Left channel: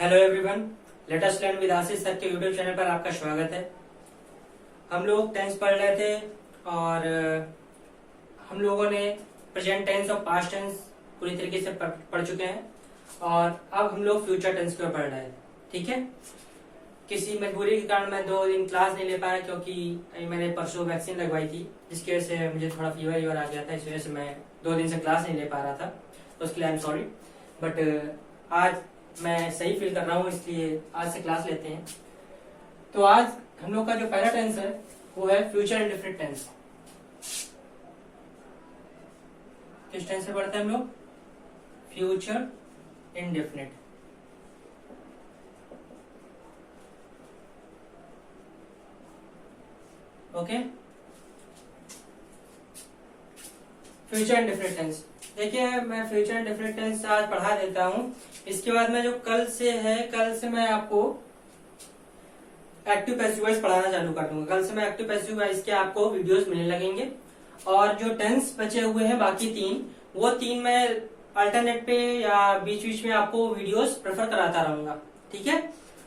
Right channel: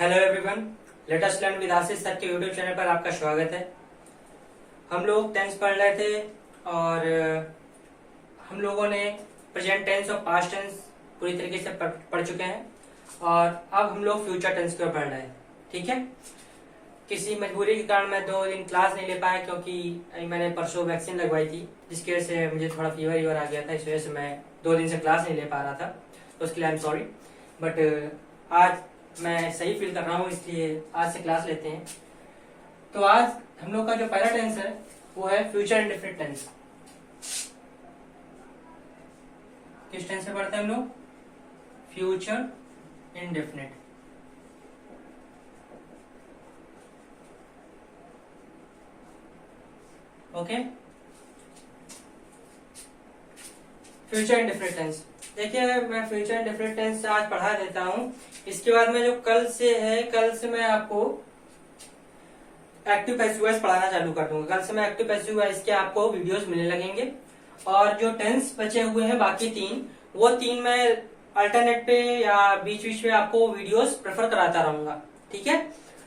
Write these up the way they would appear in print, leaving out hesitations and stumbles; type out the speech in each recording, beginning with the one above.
Hello everyone, let us learn with Ashish sir के YouTube channel पर आपका स्वागत है। हम लोग टेंस पढ़ रहे थे और हम लोगों ने प्रेजेंट टेंस और पास्ट टेंस पूरी तरीके से पढ़ चुके हैं और अब हम लोग फ्यूचर टेंस को पढ़ रहे हैं। ठीक है, किसी मजबूरी के कारण मैं 2 दिन क्लास नहीं ले पाया क्योंकि मैंने परसों वैक्सीन लगवाई थी, जिसकी वजह से मुझे थोड़ा फीवर आ गया था। इस वजह से मैं 2 दिन से क्लास नहीं ले पा रहा था, तो उसके लिए आई एम सॉरी। बट आज मैं सही फील कर रहा हूँ, इसलिए आज से क्लास लेते हैं। तो आज हम लोग का जो पहला टेंस है वो है फ्यूचर इंडेफिनिट टेंस। किस टेंस से पढ़ते हैं हम लोग? Future indefinite. Okay, future indefinite tense. देखिए, मैं फ्यूचर इंडेफिनिट टेंस आज पढ़ा देता हूँ। इसके बाद में जो कल से मैं आपको एक्टिव पैसिव वॉइस पढ़ाना चालू कर दूंगा। कल से मैं एक्टिव पैसिव वॉइस के आपको वीडियोस मिलने लगेंगे और जो टेंस बचे हुए हैं बाकी 3, वो 3 मैं अल्टरनेट पे या बीच बीच में आपको वीडियोस प्रेफर कराता रहूंगा। ठीक है,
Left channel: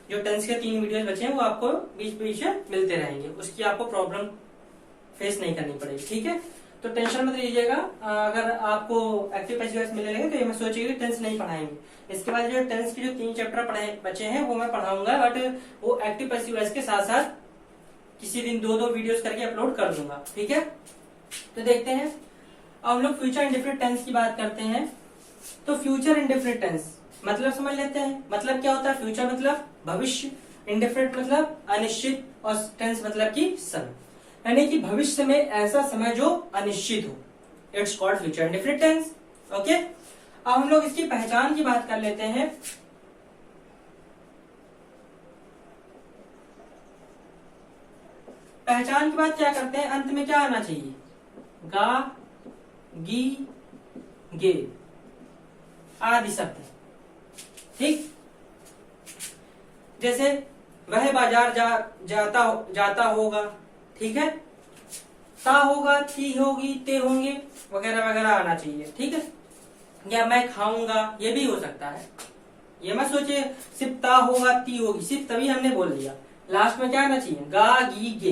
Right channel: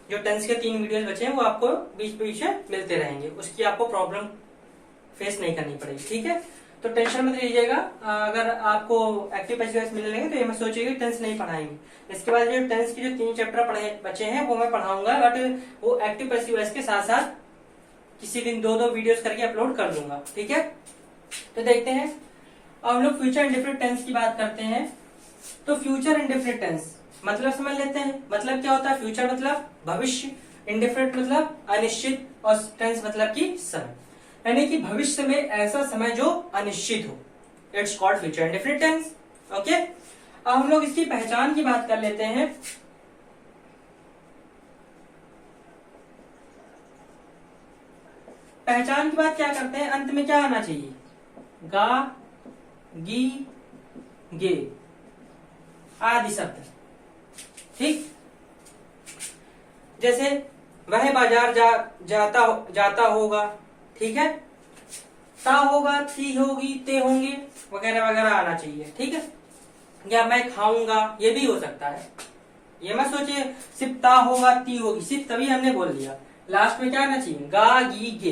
जो टेंस के 3 वीडियोस बचे हैं वो आपको बीच बीच में मिलते रहेंगे, उसकी आपको प्रॉब्लम फेस नहीं करनी पड़ेगी। ठीक है, तो टेंशन मत लीजिएगा। अगर आपको एक्टिव पैसिव वॉइस मिलने लगे तो ये मैं सोचिए टेंस नहीं पढ़ाएंगे। इसके बाद जो टेंस के जो 3 चैप्टर बचे हैं वो मैं पढ़ाऊंगा, बट वो एक्टिव पैसिव वॉइस के साथ साथ किसी दिन 2-2 वीडियोस करके अपलोड कर दूंगा। ठीक है, तो देखते हैं। अब हम लोग फ्यूचर इंडेफिनिट टेंस की बात करते हैं। तो फ्यूचर इंडेफिनिट टेंस मतलब समझ लेते हैं। मतलब क्या होता है? फ्यूचर मतलब भविष्य, इंडेफिनिट मतलब अनिश्चित और टेंस मतलब कि समय, यानी कि भविष्य में ऐसा समय जो अनिश्चित हो। It's called future indefinite tense. Okay, अब हम लोग इसकी पहचान की बात कर लेते हैं। पहचान की बात क्या करते हैं? अंत में क्या आना चाहिए? गा, गी, गे आदि शब्द। ठीक, जैसे वह बाजार जाता होगा। ठीक है, ता होगा, ती होगी, ते होंगे वगैरह वगैरह आना चाहिए। ठीक है, या मैं खाऊंगा, ये भी हो सकता है। ये मत सोचिए सिर्फ ता होगा, ती होगी, सिर्फ तभी हमने बोल दिया। लास्ट में क्या आना चाहिए? गा, गी, गे।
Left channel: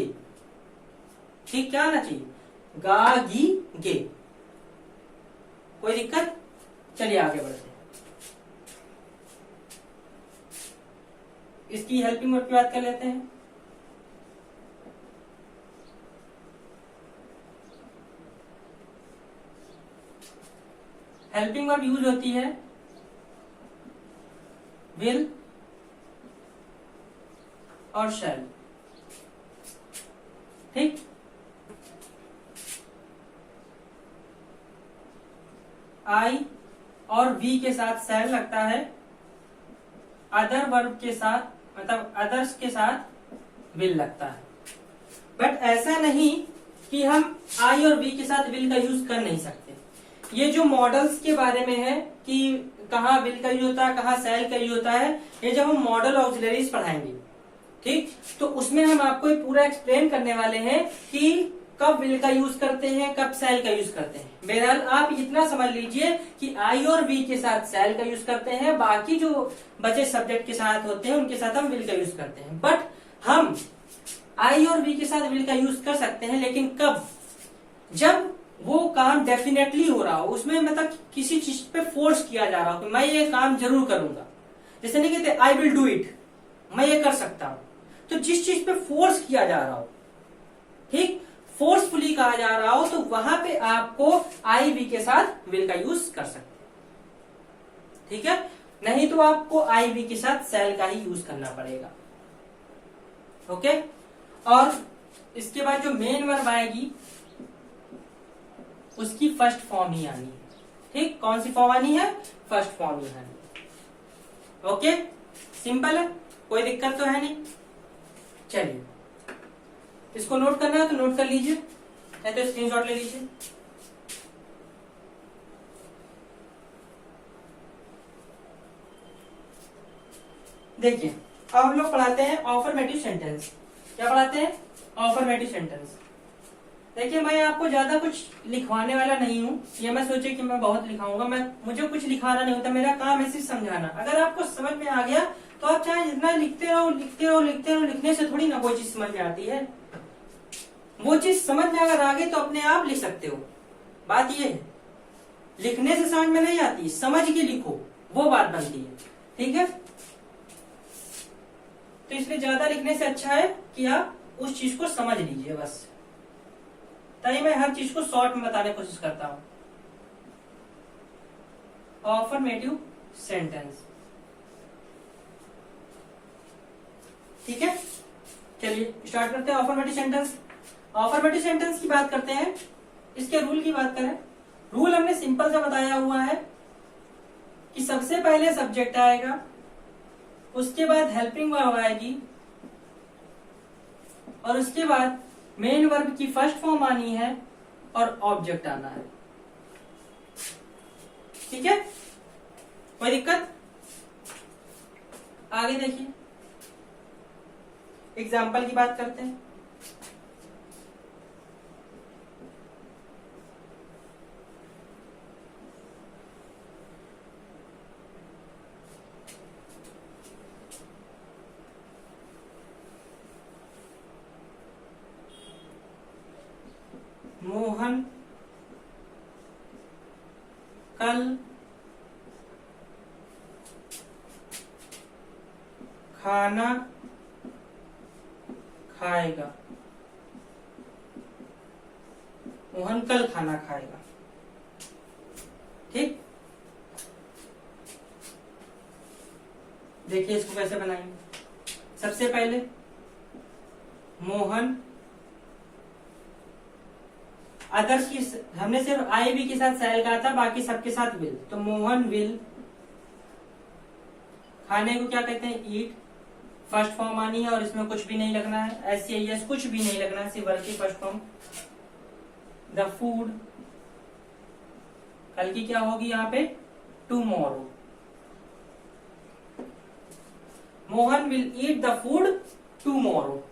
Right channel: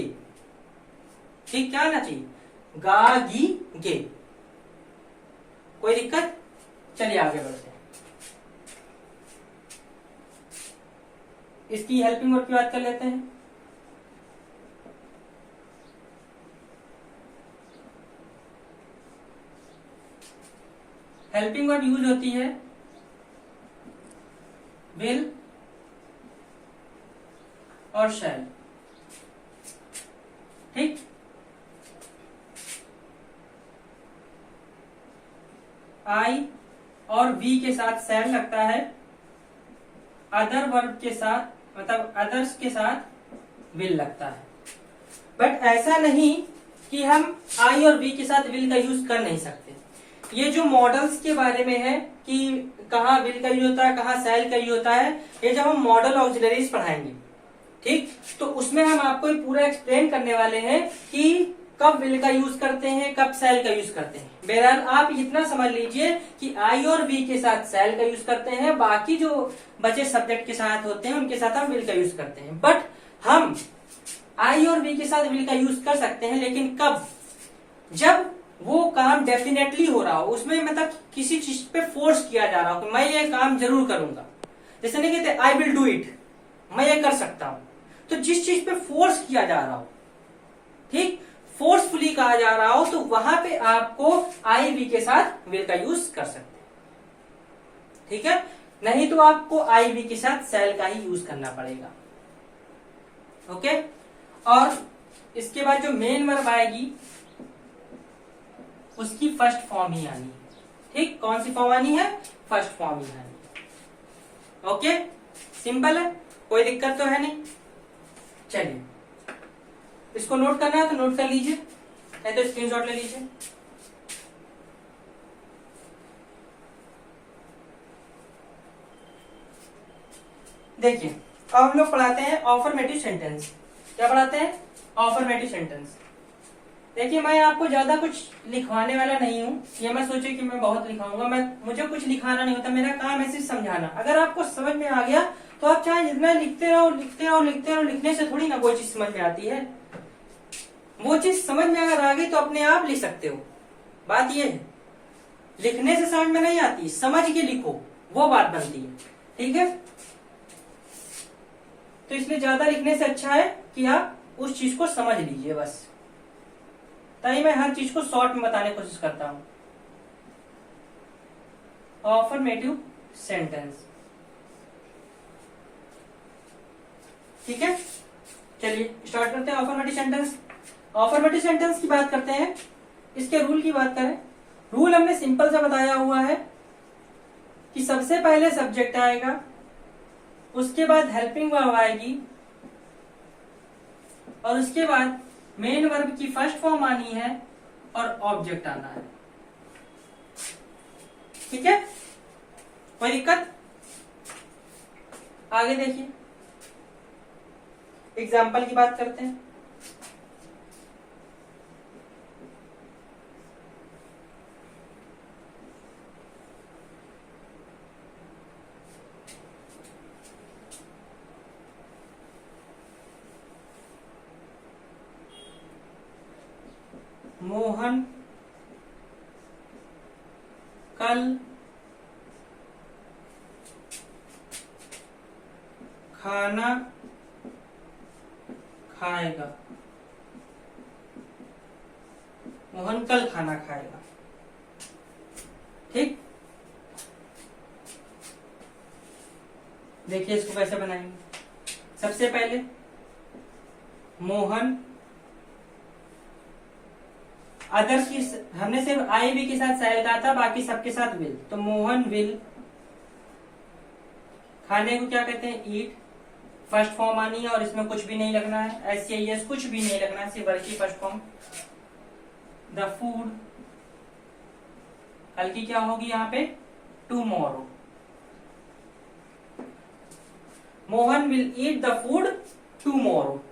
ठीक, क्या आना चाहिए? गा, गी, गे। कोई दिक्कत? चलिए आगे बढ़ते हैं। इसकी हेल्पिंग वर्ब की बात कर लेते हैं। हेल्पिंग वर्ब यूज होती है विल और शैल। ठीक, आई और वी के साथ शैल लगता है, अदर वर्ब के साथ मतलब अदर्स के साथ विल लगता है। बट ऐसा नहीं कि हम आई और वी के साथ विल का यूज कर नहीं सकते। ये जो मॉडल्स के बारे में है कि कहाँ विल का यूज होता है, कहाँ शैल का यूज होता है, ये जब हम मॉडल ऑक्सिलरीज पढ़ाएंगे, ठीक, तो उसमें हम आपको ये पूरा एक्सप्लेन करने वाले हैं कि कब विल का यूज करते हैं, कब शैल का यूज करते हैं। बहरहाल आप इतना समझ लीजिए कि आई और वी के साथ शैल का यूज करते हैं, बाकी जो बचे सब्जेक्ट के साथ होते हैं उनके साथ हम विल का यूज करते हैं। बट हम आई और वी के साथ विल का यूज कर सकते हैं, लेकिन कब? जब वो काम डेफिनेटली हो रहा हो, उसमें मतलब किसी चीज पे फोर्स किया जा रहा हो कि मैं ये काम जरूर करूंगा। जैसे नहीं कहते आई विल डू इट, मैं ये कर सकता हूं। तो जिस चीज पे फोर्स किया जा रहा हो, ठीक, फोर्सफुली कहा जा रहा हो, तो वहां पे आपको आई वी के साथ विल का यूज कर सकते हैं। ठीक है, नहीं तो आपको आई वी के साथ शैल का ही यूज करना पड़ेगा। ओके, और इसके बाद जो मेन वर्ब आएगी उसकी फर्स्ट फॉर्म ही आनी है। ठीक, कौन सी फॉर्म आनी है? फर्स्ट फॉर्म ही आनी है। ओके, सिंपल है, कोई दिक्कत तो है नहीं। चलिए, इसको नोट करना है तो नोट कर लीजिए, नहीं तो स्क्रीनशॉट ले लीजिए। देखिए, अब हम लोग पढ़ाते हैं ऑफर्मेटिव सेंटेंस। क्या पढ़ाते हैं? ऑफर्मेटिव सेंटेंस। देखिए, मैं आपको ज्यादा कुछ लिखवाने वाला नहीं हूँ, ये मैं सोचे कि मैं बहुत लिखाऊंगा। मुझे कुछ लिखाना नहीं होता, मेरा काम है सिर्फ समझाना। अगर आपको समझ में आ गया तो आप चाहे जितना लिखते रहो लिखते रहो लिखते रहो, लिखने से थोड़ी ना कोई चीज समझ में आती है। वो चीज समझ में अगर आ गई तो अपने आप लिख सकते हो। बात ये है, लिखने से समझ में नहीं आती, समझ के लिखो, वो बात बनती है। ठीक है, तो इसलिए ज्यादा लिखने से अच्छा है कि आप उस चीज को समझ लीजिए बस। ताकि मैं हर चीज को शॉर्ट में बताने की कोशिश करता हूं। अफर्मेटिव सेंटेंस, ठीक है, चलिए स्टार्ट करते हैं अफर्मेटिव सेंटेंस। अफर्मेटिव सेंटेंस की बात करते हैं। इसके रूल की बात करें, रूल हमने सिंपल सा बताया हुआ है कि सबसे पहले सब्जेक्ट आएगा, उसके बाद हेल्पिंग वर्ब आएगी, और उसके बाद मेन वर्ब की फर्स्ट फॉर्म आनी है और ऑब्जेक्ट आना है। ठीक है, कोई दिक्कत? आगे देखिए, एग्जाम्पल की बात करते हैं। मोहन कल खाना खाएगा। मोहन कल खाना खाएगा। ठीक, देखिए इसको कैसे बनाएंगे। सबसे पहले मोहन, अदर्स की हमने सिर्फ आई भी के साथ सैल कहा था, बाकी सबके साथ विल। तो मोहन विल, खाने को क्या कहते हैं? ईट। फर्स्ट फॉर्म आनी है और इसमें कुछ भी नहीं लगना है, SCIS कुछ भी नहीं लगना है, सिर्फ वर्ब की फर्स्ट फॉर्म। द फूड, कल की क्या होगी यहाँ पे? Tomorrow. Mohan will eat the food tomorrow.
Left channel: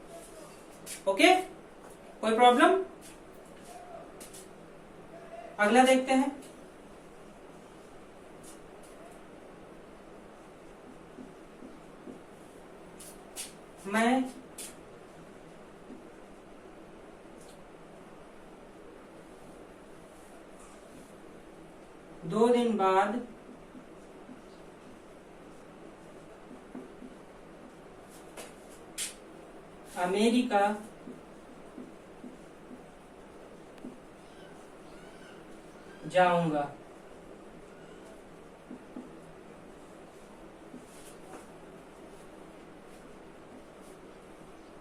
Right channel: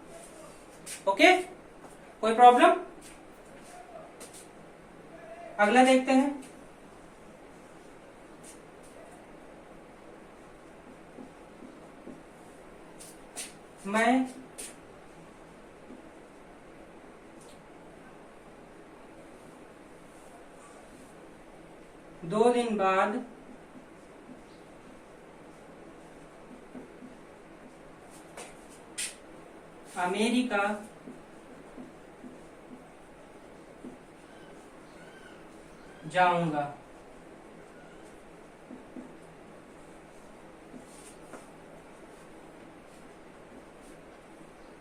Okay, कोई प्रॉब्लम? अगला देखते हैं। मैं दो दिन बाद अमेरिका जाऊंगा।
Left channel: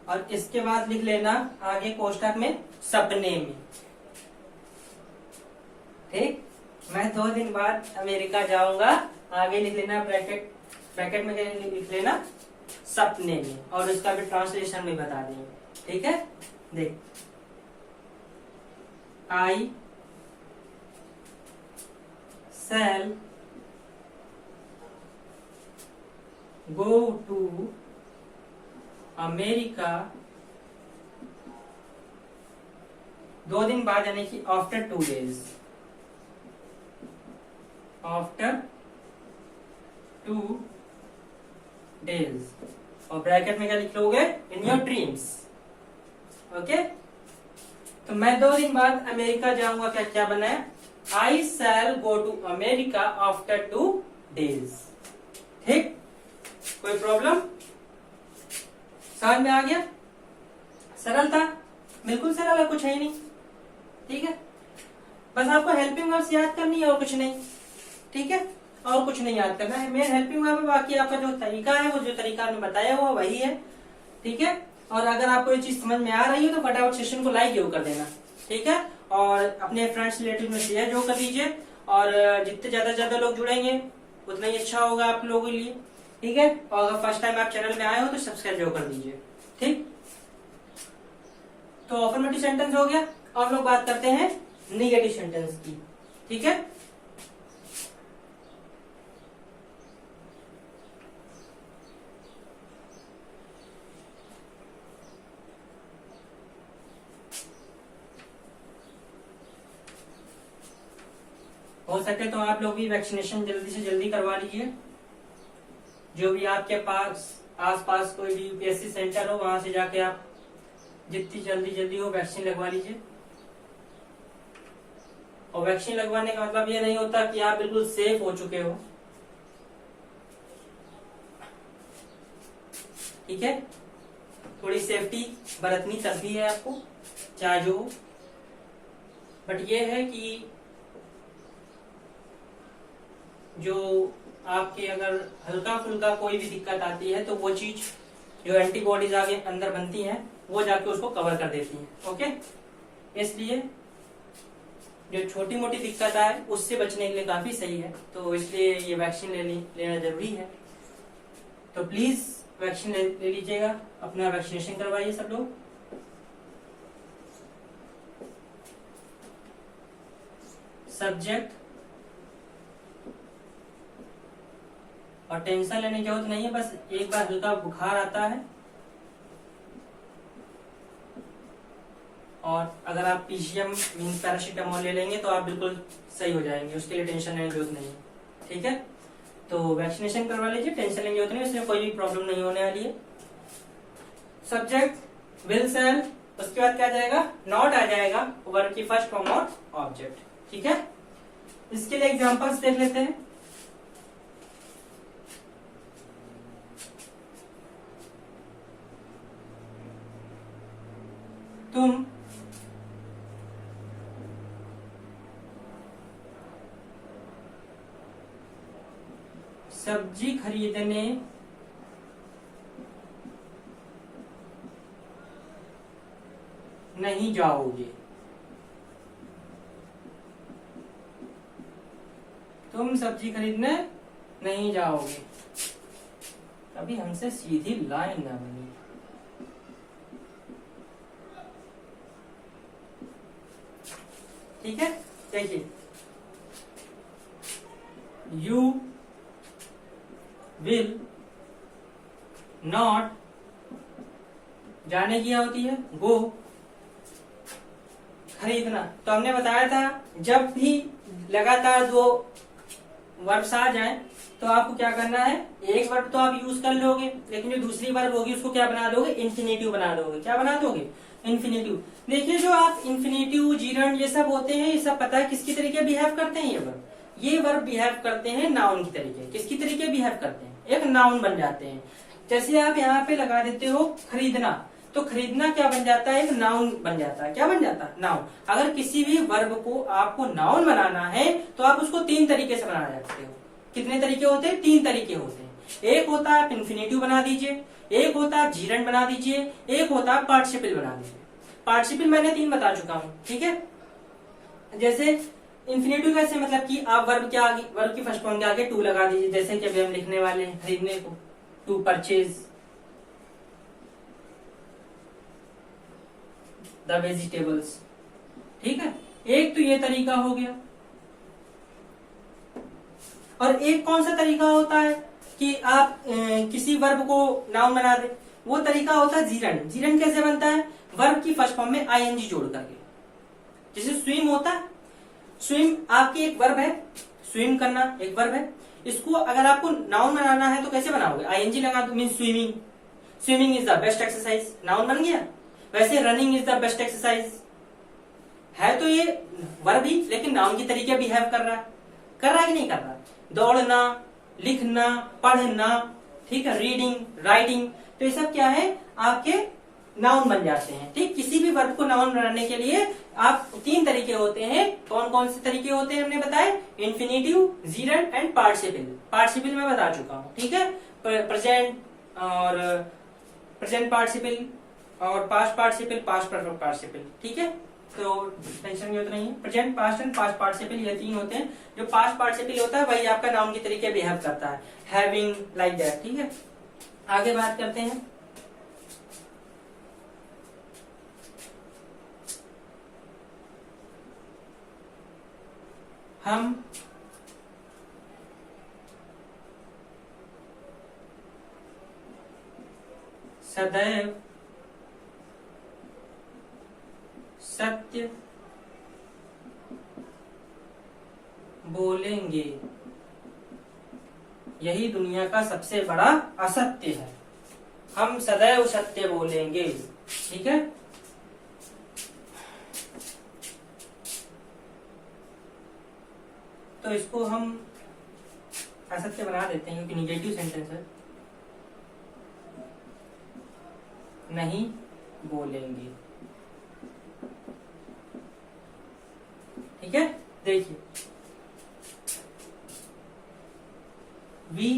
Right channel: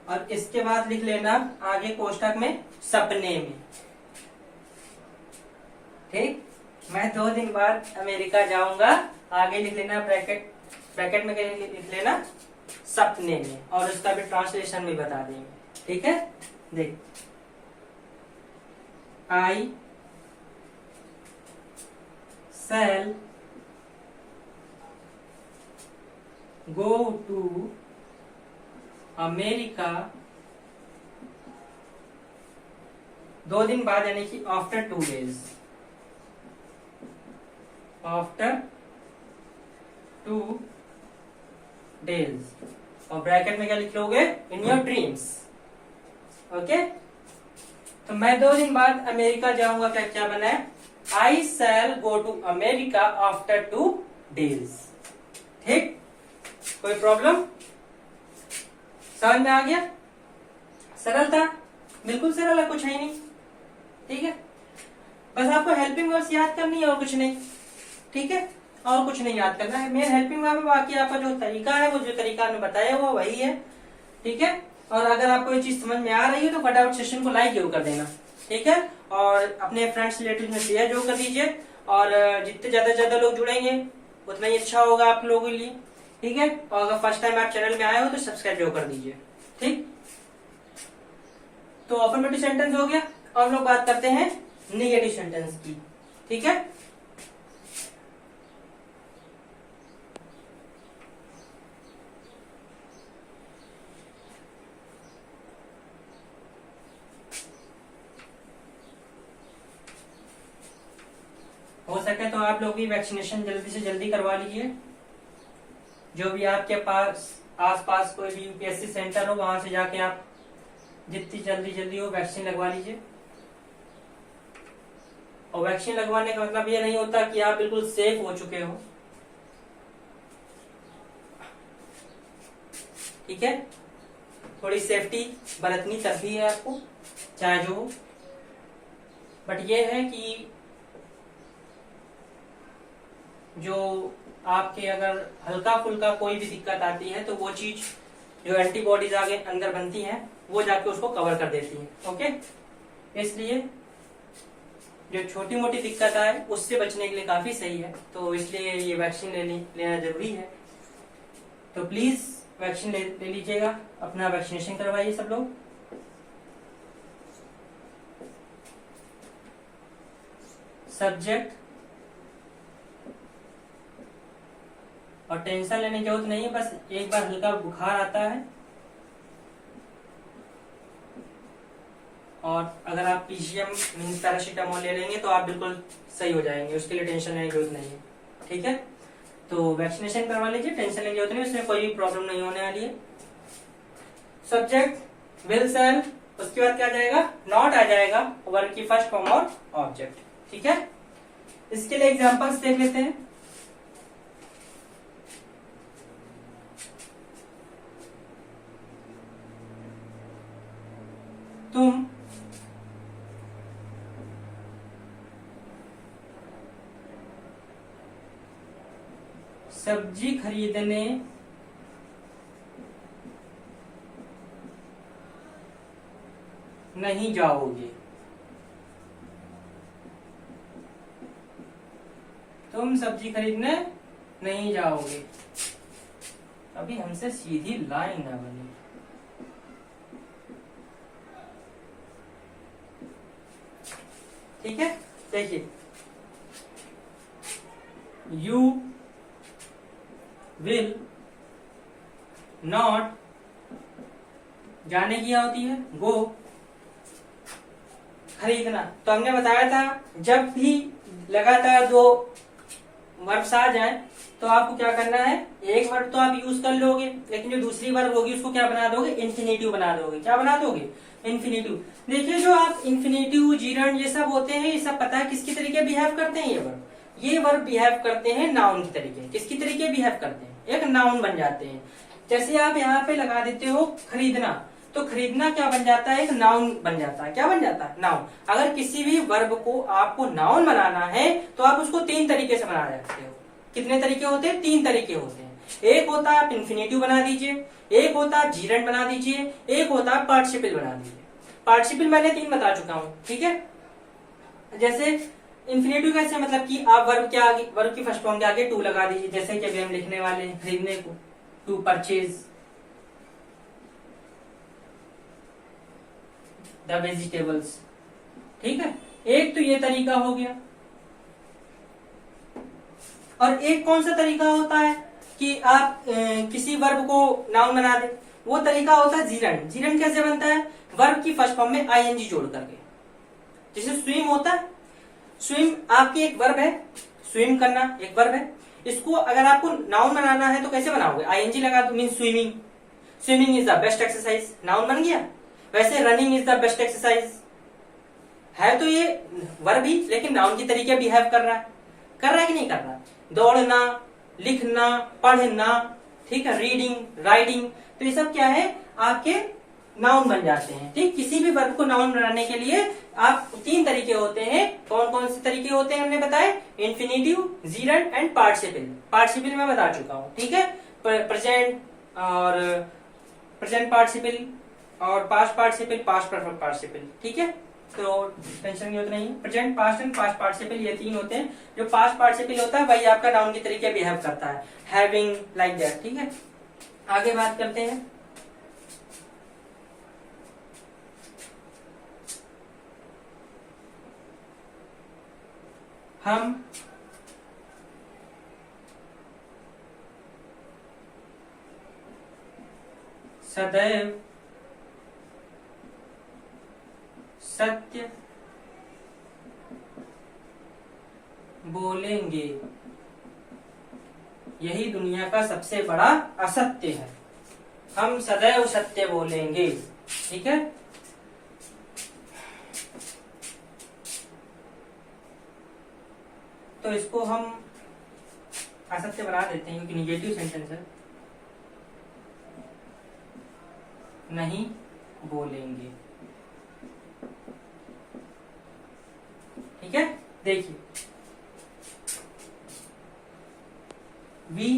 और इसके बाद लिख लेना आगे कोष्ठक में सपने में। ठीक, मैं 2 दिन बाद अमेरिका जाऊंगा, आगे लिख लेना ब्रैकेट में लिख लेना सपने में, और उसका भी ट्रांसलेशन भी बता देंगे। ठीक है, देख, आई shall go to अमेरिका 2 दिन बाद, यानी कि आफ्टर 2 days। आफ्टर 2 days, और ब्रैकेट में क्या लिख लोगे? In your dreams. ओके, तो मैं 2 दिन बाद अमेरिका जाऊंगा का क्या बना है? I shall go to America after 2 days। ठीक, कोई प्रॉब्लम? समझ में आ गया? सरल था, बिल्कुल सरल है, कुछ है ही नहीं। ठीक है, बस आपको हेल्पिंग वर्ब्स याद करनी है और कुछ नहीं। ठीक है, और कुछ नहीं याद करना है। मेन हेल्पिंग वर्ब में बाकी आपका जो तरीका है, वो जो तरीका हमने बताया हुआ वही है। ठीक है, और अगर आपको ये चीज समझ में आ रही है तो फटाफट सेशन को लाइक जरूर कर देना। ठीक है, और अपने फ्रेंड्स रिलेटिव में शेयर जरूर कर दीजिए, और जितने ज्यादा लोग जुड़ेंगे उतना ही अच्छा होगा आप लोगों के लिए। ठीक है, और अगर फर्स्ट टाइम आप चैनल में आए हो तो सब्सक्राइब जरूर कर दीजिए। ठीक, तो अफर्मेटिव सेंटेंस हो गया। अब लोग बात करते हैं नेगेटिव सेंटेंस की। ठीक है, हो सके तो आप लोग भी वैक्सीनेशन जल्दी से जल्दी करवा लीजिए। जो भी आपके पास आसपास कोई भी यूपीएससी सेंटर हो वहां से जाके आप जितनी जल्दी हो वैक्सीन लगवा लीजिए। और वैक्सीन लगवाने का मतलब ये नहीं होता कि आप बिल्कुल सेफ हो चुके हो, ठीक है। थोड़ी सेफ्टी बरतनी तभी है आपको, चाहे जो हो। बट ये है कि जो आपके अगर हल्का फुल्का कोई भी दिक्कत आती है तो वो चीज जो एंटीबॉडीज आगे अंदर बनती हैं वो जाके उसको कवर कर देती हैं। ओके, इसलिए जो छोटी मोटी दिक्कत आए उससे बचने के लिए काफी सही है, तो इसलिए ये वैक्सीन लेना जरूरी है। तो प्लीज वैक्सीन ले लीजिएगा, अपना वैक्सीनेशन करवाइए सब लोग। सब्जेक्ट और टेंशन लेने की जरूरत नहीं है, बस एक बार हल्का बुखार आता है और अगर आप पीसीएम मीन्स पैरासीटामोल ले लेंगे तो आप बिल्कुल सही हो जाएंगे, उसके लिए टेंशन लेने की जरूरत नहीं है, ठीक है। तो वैक्सीनेशन करवा लीजिए, टेंशन लेने की जरूरत नहीं, उसमें कोई भी प्रॉब्लम नहीं होने वाली है। सब्जेक्ट विल सेल, उसके बाद क्या आ जाएगा, नॉट आ जाएगा, वर्ब की फर्स्ट फॉर्म और ऑब्जेक्ट, ठीक है। इसके लिए एग्जांपल्स देख लेते हैं। तुम सब्जी खरीदने नहीं जाओगे। तुम सब्जी खरीदने नहीं जाओगे, अभी हमसे सीधी लाइन ना बनी। ठीक है, देखिए यू विल नॉट, जाने की क्या होती है, गो, खरीदना। तो हमने बताया था जब भी लगातार दो वर्ब्स आ जाए तो आपको क्या करना है, एक वर्ब तो आप यूज कर लोगे लेकिन जो दूसरी वर्ब होगी उसको क्या बना दोगे, इन्फिनेटिव बना दोगे। क्या बना दोगे, इन्फिनेटिव। देखिए जो आप इन्फिनेटिव, जीरंड ये सब होते हैं, ये सब पता है किसकी तरीके बिहेव करते हैं, ये वर्ब बिहेव करते हैं नाउन की तरीके। किसकी तरीके बिहेव करते हैं, एक नाउन बन जाते हैं। जैसे आप यहाँ पे लगा देते हो खरीदना, तो खरीदना क्या बन जाता है, एक नाउन बन जाता है। क्या बन जाता है, नाउन। अगर किसी भी वर्ब को आपको नाउन बनाना है तो आप उसको 3 तरीके से बना सकते हो। कितने तरीके होते हैं, 3 तरीके होते हैं। एक होता है आप इन्फिनेटिव बना दीजिए, एक होता है जीरंड बना दीजिए, एक होता है पार्टिसिपल बना दीजिए। पार्टिसिपल मैंने 3 बता चुका हूं, ठीक है। जैसे इन्फिनेटिव कैसे, मतलब कि आप वर्ब के आगे, वर्ब की फर्स्ट फॉर्म के आगे टू लगा दीजिए। जैसे कि अभी हम लिखने वाले हैं खरीदने को, टू परचेज द वेजिटेबल्स, ठीक है। एक तो ये तरीका हो गया। और एक कौन सा तरीका होता है कि आप किसी वर्ब को नाउन बना दे, वो तरीका होता है जीरंड। जीरंड कैसे बनता है, वर्ब की फर्स्ट फॉर्म में आईएनजी जोड़ करके। जैसे स्विम होता है, स्विम आपकी एक वर्ब है, स्विम करना एक वर्ब है। इसको अगर आपको नाउन बनाना है तो कैसे बनाओगे, आईएनजी लगा दो, mean swimming. Swimming is the best exercise, noun बन गया। वैसे running is the best exercise है, तो ये वर्ब ही लेकिन नाउन की तरीके बिहेव कर रहा है कि नहीं कर रहा। दौड़ना, लिखना, पढ़ना, ठीक है, रीडिंग, राइटिंग, तो ये सब क्या है, आपके नाउन बन जाते हैं। ठीक, किसी भी वर्ब को नाउन बनाने के लिए आप 3 तरीके होते हैं। कौन कौन से तरीके होते हैं हमने बताए, infinitive, gerund and participle. Participle मैं बता चुका हूं, ठीक है। प्रेजेंट और प्रेजेंट पार्टिसिपल और past participle, past perfect participle, ठीक है। तो टेंशन की जरूरत नहीं है। Present, past and past participle ये 3 होते हैं। जो पास्ट पार्टिसिपल होता है वही आपका नाउन के तरीके बिहेव करता है, हैविंग, लाइक दैट, ठीक है। आगे बात करते हैं। हम सदैव सत्य बोलेंगे। यही दुनिया का सबसे बड़ा असत्य है। हम सदैव सत्य बोलेंगे, ठीक है। तो इसको हम असत्य बना देते हैं क्योंकि निगेटिव सेंटेंस है। नहीं बोलेंगे, ठीक है। देखिए, वी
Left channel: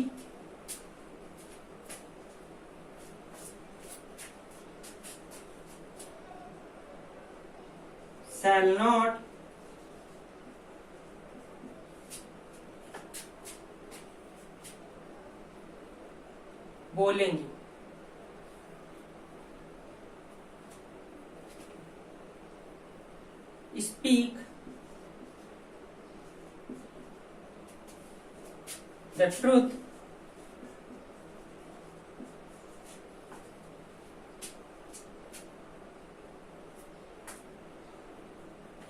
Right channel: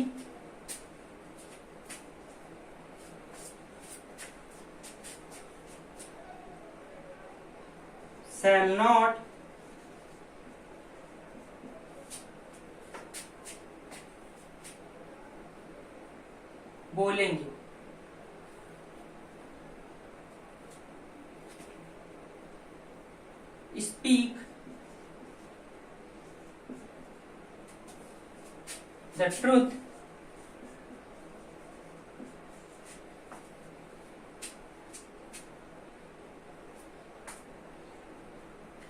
shall not बोलेंगे, स्पीक द ट्रूथ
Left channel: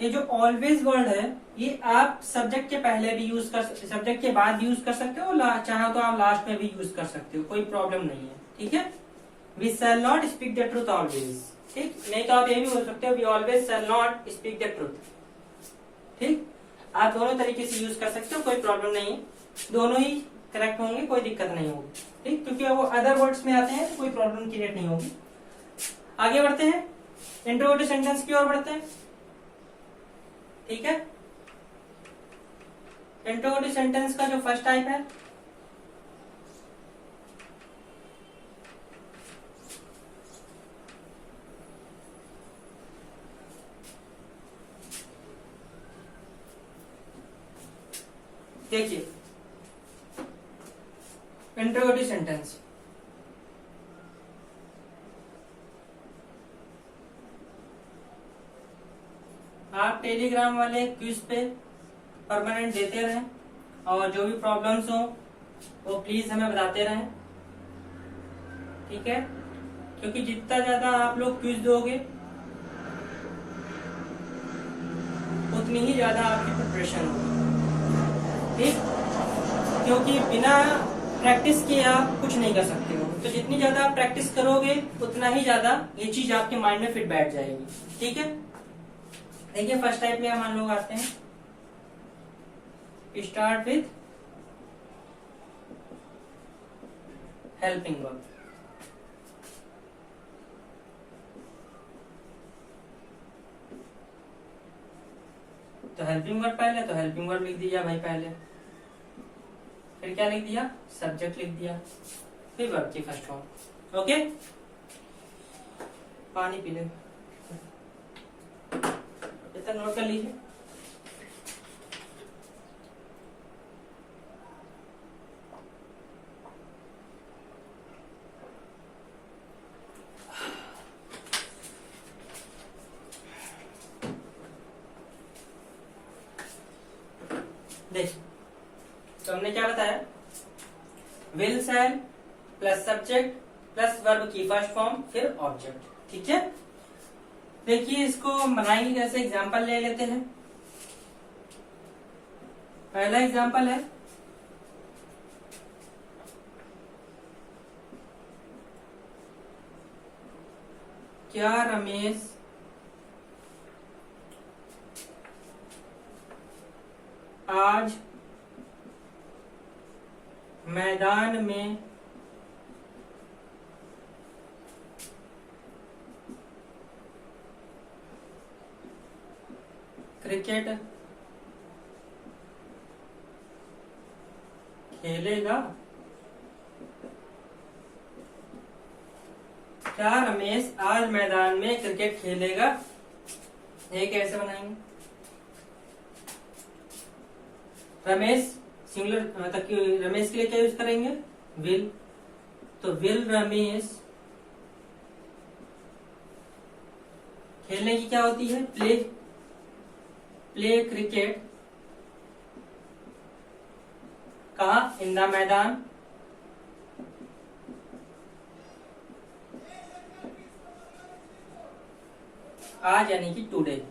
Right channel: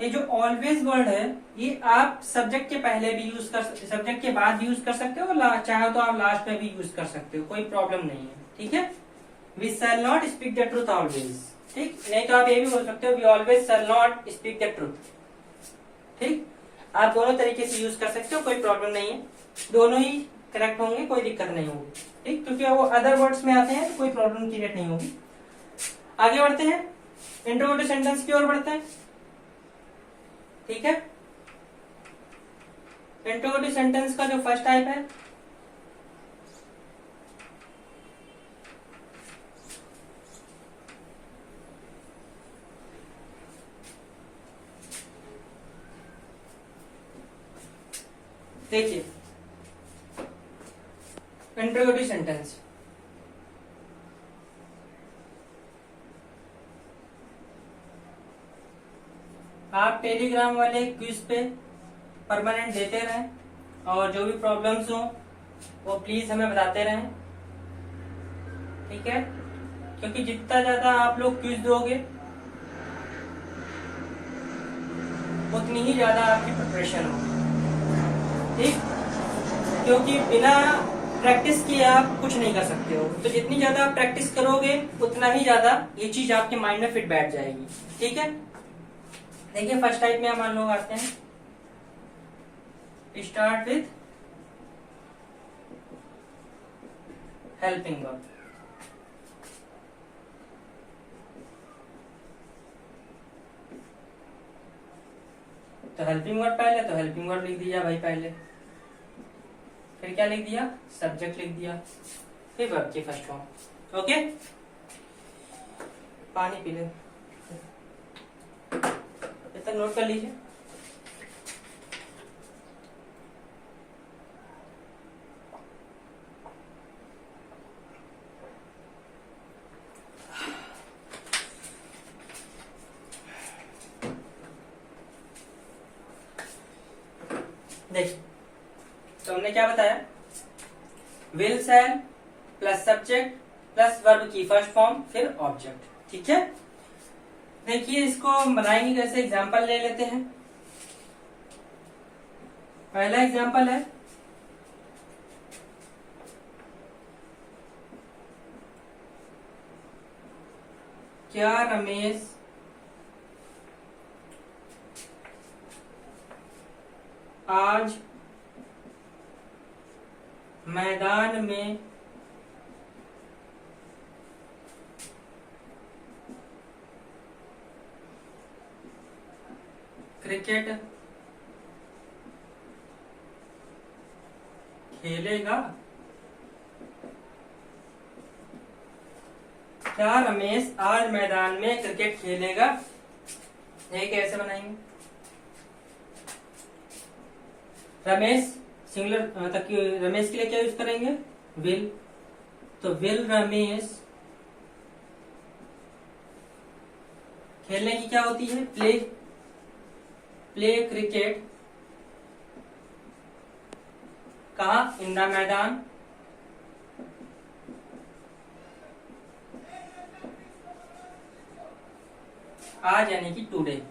ये जो ऑलवेज वर्ड है ये आप सब्जेक्ट के पहले भी यूज कर सकते, सब्जेक्ट के बाद भी यूज कर सकते हो, चाहे तो आप लास्ट में भी यूज कर सकते हो, कोई प्रॉब्लम नहीं है, ठीक है। We shall not speak the truth always, ठीक। नहीं तो आप ये भी बोल सकते हो we always shall not speak the truth, ठीक। आप दोनों तरीके से यूज कर सकते हो, कोई प्रॉब्लम नहीं है, दोनों ही करेक्ट होंगे, कोई दिक्कत नहीं होगी, ठीक। क्योंकि वो अदर वर्ड्स में आते हैं, कोई प्रॉब्लम क्रिएट नहीं होगी। आगे बढ़ते हैं, इंट्रोगेटिव सेंटेंस की ओर बढ़ते हैं, ठीक है। इंट्रोगेटिव सेंटेंस का जो फर्स्ट टाइप है देखिए, इंट्रोगेटिव सेंटेंस आप टेलीग्राम वाले क्विज पे परमानेंट देते रहें और जो भी प्रॉब्लम्स हो वो प्लीज हमें बताते रहें, ठीक है। क्योंकि जितना ज्यादा आप लोग क्विज दोगे उतनी ही ज्यादा आपकी प्रिपरेशन होगी, ठीक। क्योंकि बिना प्रैक्टिस किए आप कुछ नहीं कर सकते हो, तो जितनी ज्यादा आप प्रैक्टिस करोगे उतना ही ज्यादा ये चीज आपके माइंड में फिट बैठ जाएगी, ठीक है। देखिए, फर्स्ट टाइप में हम लोग आते हैं, स्टार्ट विथ हेल्पिंग वर्ब। तो हेल्पिंग वर्ब पहले, तो हेल्पिंग वर्ब लिख दिया भाई पहले, फिर क्या लिख दिया, सब्जेक्ट लिख दिया, फिर वर्ब की फर्स्ट फॉर्म, ओके। पानी पी ले, इतना नोट कर लीजिए। देखिए, तो हमने क्या बताया, will shell plus subject plus verb की फर्स्ट फॉर्म फिर ऑब्जेक्ट, ठीक है। देखिए, इसको बनाएंगे कैसे, एग्जाम्पल ले लेते हैं। पहला एग्जाम्पल है, क्या रमेश आज मैदान में क्रिकेट खेलेगा? क्या रमेश आज मैदान में क्रिकेट खेलेगा? ये कैसे बनाएंगे, रमेश सिंगुलर मतलब कि रमेश के लिए क्या यूज करेंगे, विल। तो विल रमेश खेलने की क्या होती है, प्ले, प्ले क्रिकेट कहा, इन द मैदान, आज यानी कि टुडे,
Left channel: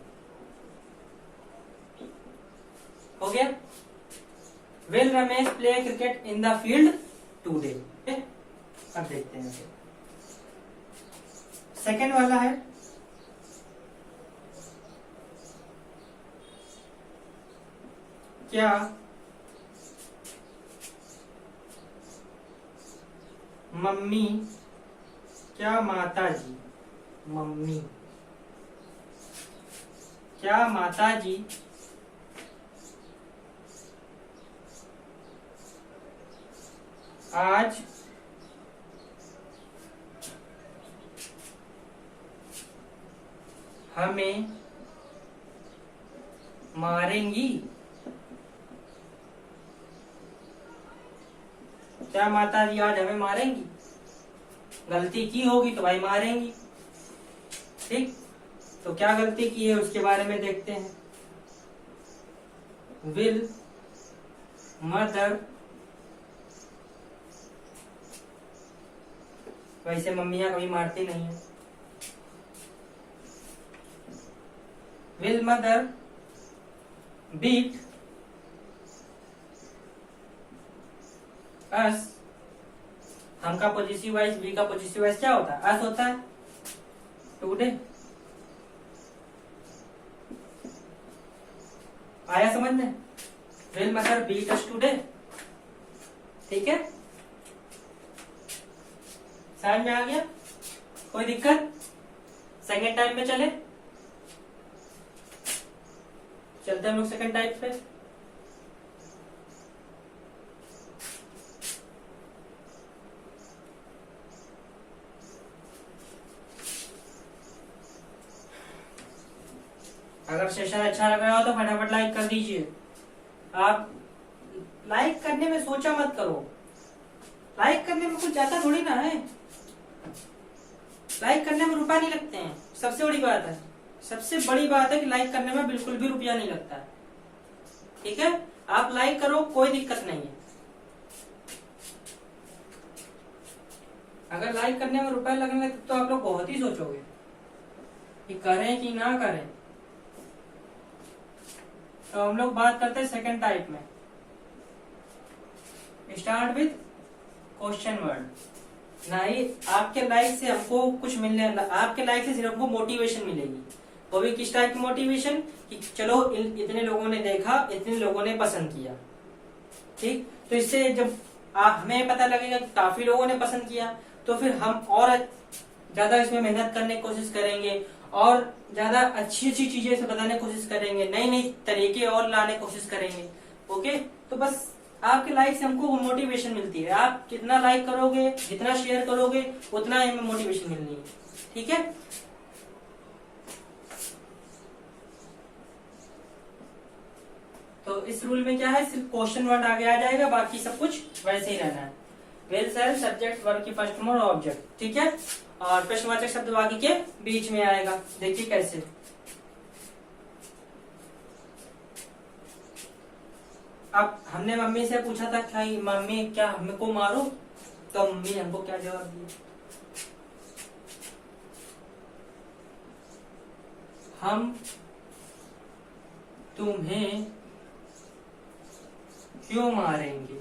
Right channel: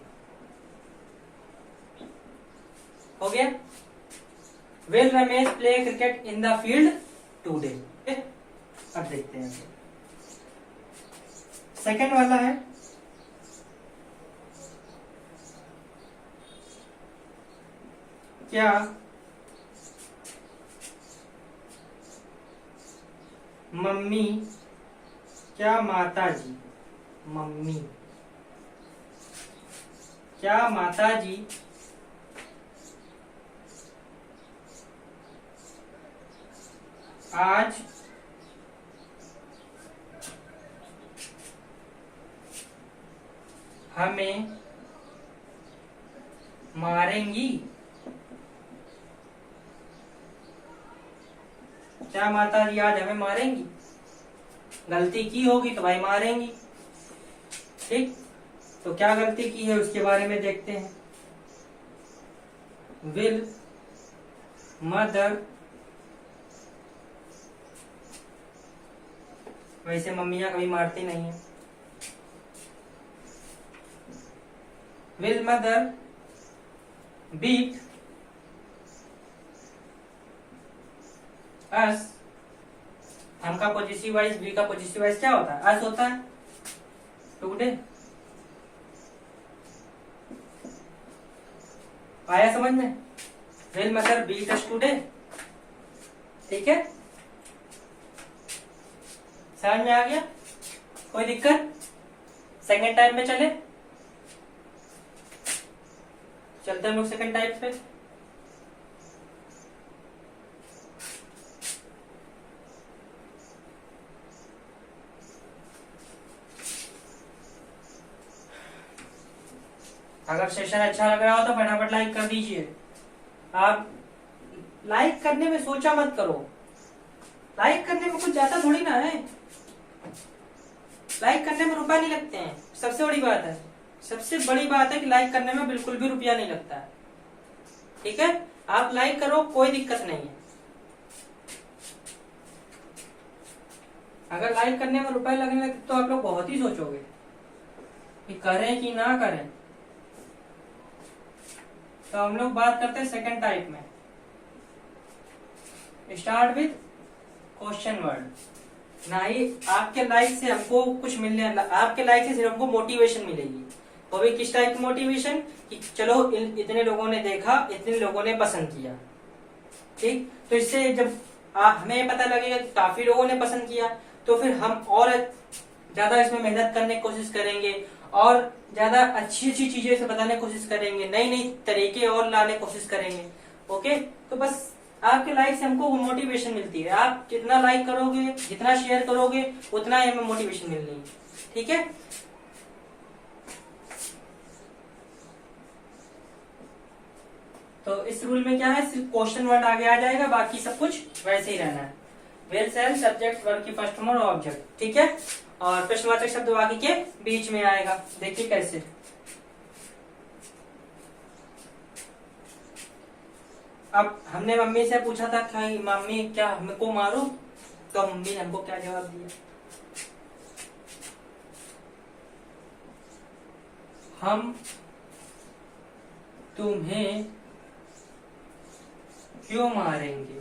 हो गया। Will Ramesh play cricket in the field today. अब देखते हैं सेकंड वाला है, क्या मम्मी, क्या माताजी, मम्मी क्या माताजी आज हमें मारेंगी? क्या माताजी आज हमें मारेंगी? गलती की होगी तो भाई मारेंगी। ठीक, तो क्या गलती की है उसके बारे में देखते हैं। विल मदर, वैसे मम्मियां कभी मारती नहीं है। विल मदर बीट अस, हम का पॉजिटिव वाइज, वी का पॉजिटिव वाइज क्या होता है? अस होता है। टुडे आया समझ में? Will mother beat us today. ठीक है, समझ में आ गया? कोई दिक्कत? सेकेंड टाइप में चलते हम लोग सेकेंड टाइप पे। अगर सेशन अच्छा लग रहा हो तो फटाफट लाइक कर दीजिए। आप लाइक करने में सोचा मत करो, लाइक करने में कुछ ज्यादा थोड़ी ना है, लाइक करने में रुपए नहीं लगते हैं। सबसे बड़ी बात है, सबसे बड़ी बात है कि लाइक करने में बिल्कुल भी रुपया नहीं लगता है। ठीक है, आप लाइक करो, कोई दिक्कत नहीं है। अगर लाइक करने में रुपए लगने लगे तो आप लोग बहुत ही सोचोगे कि करें कि ना करें। तो हम लोग बात करते हैं सेकंड टाइप में। Start with question word. ना ही आपके लाइक से हमको कुछ मिलने, आपके लाइक से सिर्फ हमको मोटिवेशन मिलेगी। वो भी किस टाइप की मोटिवेशन? कि चलो इतने लोगों ने देखा, इतने लोगों ने पसंद किया। ठीक, तो इससे जब हमें पता लगेगा कि काफी लोगों ने पसंद किया, तो फिर हम और ज्यादा इसमें मेहनत करने की कोशिश करेंगे और ज्यादा अच्छी अच्छी चीजें इसे बताने की कोशिश करेंगे, नई नई तरीके और लाने की कोशिश करेंगे। ओके, तो बस आपके लाइक से हमको मोटिवेशन मिलती है। आप जितना लाइक करोगे, जितना शेयर करोगे, उतना ही हमें मोटिवेशन मिलनी है। ठीक है, तो इस रूल में क्या है, सिर्फ क्वेश्चन वर्ड आगे आ जाएगा, बाकी सब कुछ वैसे ही रहना है। वेल सेल सब्जेक्ट वर्ब की फर्स्ट फॉर्म और ऑब्जेक्ट। ठीक है, और प्रश्नवाचक शब्द बाकी के बीच में आएगा। देखिए कैसे। अब हमने मम्मी से पूछा था कि मम्मी क्या हमको मारो, तो मम्मी ने हमको क्या जवाब दिया? हम तुम्हें क्यों मारेंगे?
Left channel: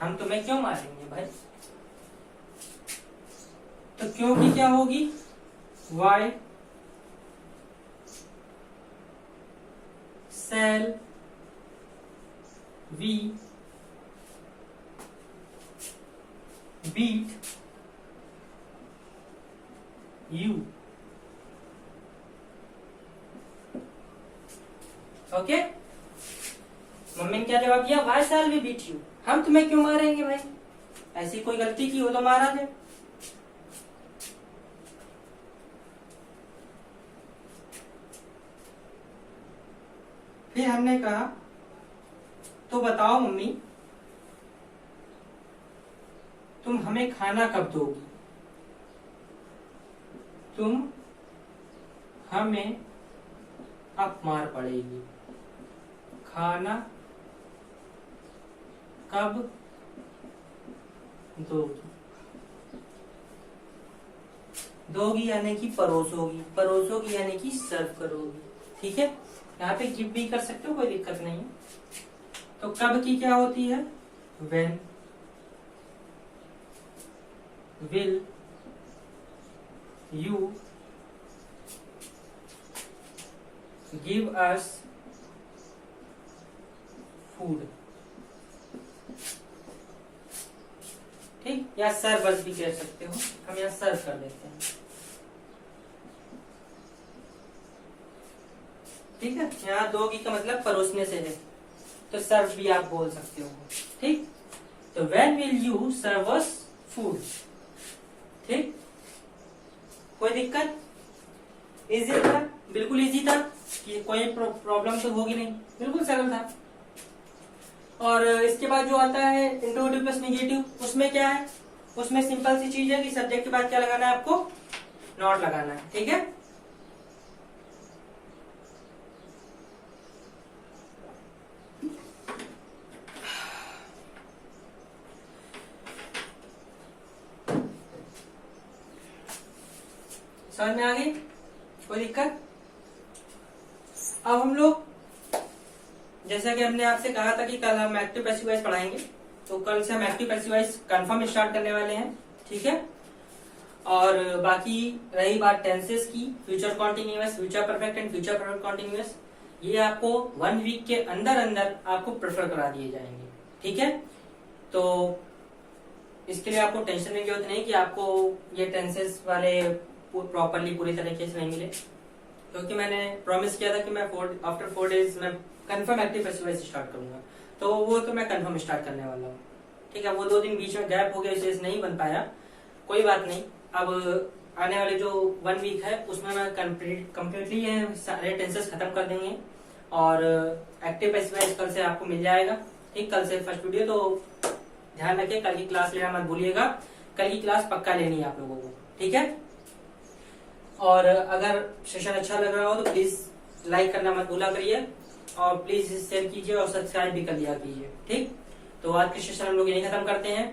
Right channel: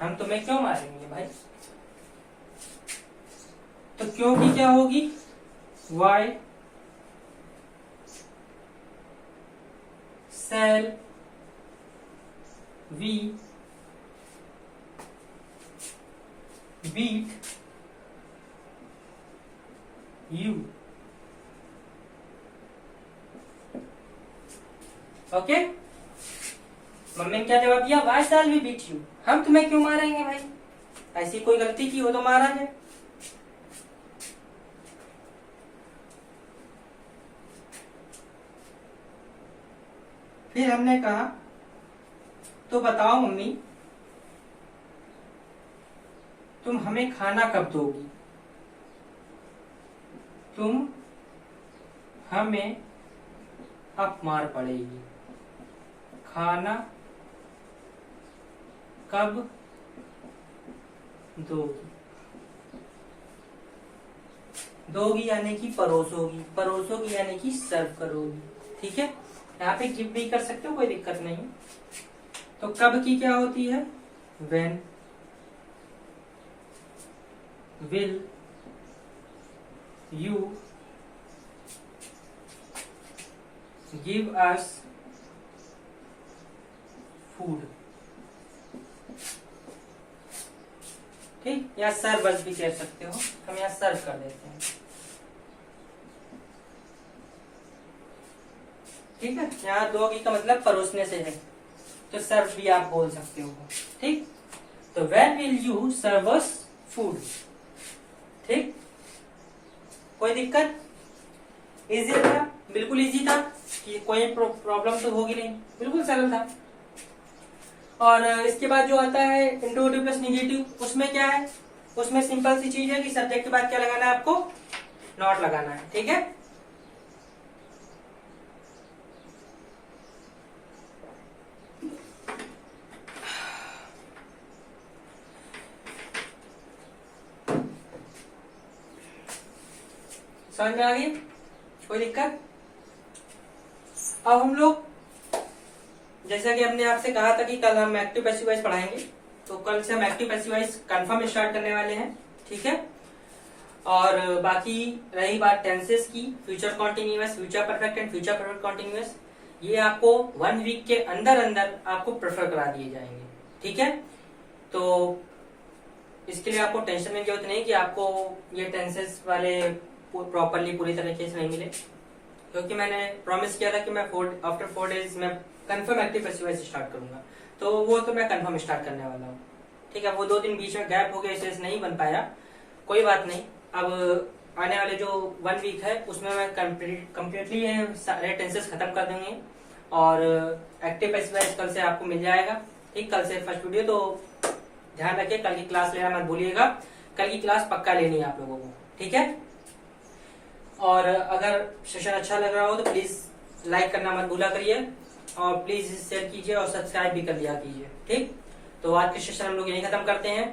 हम तुम्हें क्यों मारेंगे भाई? तो क्यों की क्या होगी? Why shall we beat you? Okay, mummy ने क्या जवाब दिया? Why shall we beat you? हम तुम्हें क्यों मारेंगे भाई? ऐसी कोई गलती की हो तो मारा जाए। फिर हमने कहा तो बताओ मम्मी, तुम हमें खाना कब दोगी? तुम हमें अब मार पड़ेगी, खाना कब दोगी? दोगी यानी कि परोसोगी, परोसोगी यानी कि सर्व करोगी। ठीक है, यहाँ पे गिव भी कर सकते हो, कोई दिक्कत नहीं। तो कब की क्या होती है, when will you give us food. ठीक, या सर्व अस भी कह सकते हो, हम यहाँ सर्व कर देते हैं। ठीक है, यहाँ दोगी का मतलब परोसने से है, तो सर्व भी आप बोल सकते हो। ठीक, तो when will you serve us food. ठीक, कोई दिक्कत, इजी था, बिल्कुल इजी था, कि कोई प्रॉब्लम तो होगी नहीं, बिल्कुल सरल था। और इसके बाद जो आता है इंट्रोगेटिव प्लस नेगेटिव, उसमें क्या है, उसमें सिंपल सी चीज है कि सब्जेक्ट के बाद क्या लगाना है आपको, नॉट लगाना है। ठीक है, समझ में आ गई, कोई दिक्कत। अब हम लोग, जैसा कि हमने आपसे कहा था कि कल हम एक्टिव पैसिव वॉइस पढ़ाएंगे, तो कल से हम active passive voice confirm start करने वाले हैं। ठीक है, और बाकी रही बात टेंसेस की, future continuous, future perfect and future perfect continuous, ये आपको 1 वीक के अंदर अंदर आपको प्रेफर करा दिए जाएंगे। ठीक है, तो इसके लिए आपको टेंशन की जरूरत नहीं कि आपको ये टेंसेस वाले प्रॉपरली पूरी तरीके से नहीं मिले, क्योंकि मैंने प्रॉमिस किया था कि मैं आफ्टर 4 डेज मैं confirm active passive voice start करूंगा, तो वो तो मैं कंफर्म स्टार्ट करने वाला हूँ। ठीक है, वो 2 दिन बीच में गैप हो गया, इसलिए नहीं बन पाया, कोई बात नहीं। अब आने वाले जो 1 वीक है उसमें मैं कम्प्लीटली सारे टेंसेस खत्म कर देंगे, और एक्टिव पैसिव वॉइस कल से आपको मिल जाएगा। ठीक, कल से फर्स्ट वीडियो, तो ध्यान रखिए कल की क्लास लेना मत भूलिएगा, कल की क्लास पक्का लेनी है आप लोगों को। ठीक है, और अगर सेशन अच्छा लग रहा हो तो प्लीज लाइक करना मत भूला करिए, और प्लीज शेयर कीजिए और सब्सक्राइब भी कर लिया कीजिए। ठीक, तो आज के सेशन हम लोग यही खत्म करते हैं।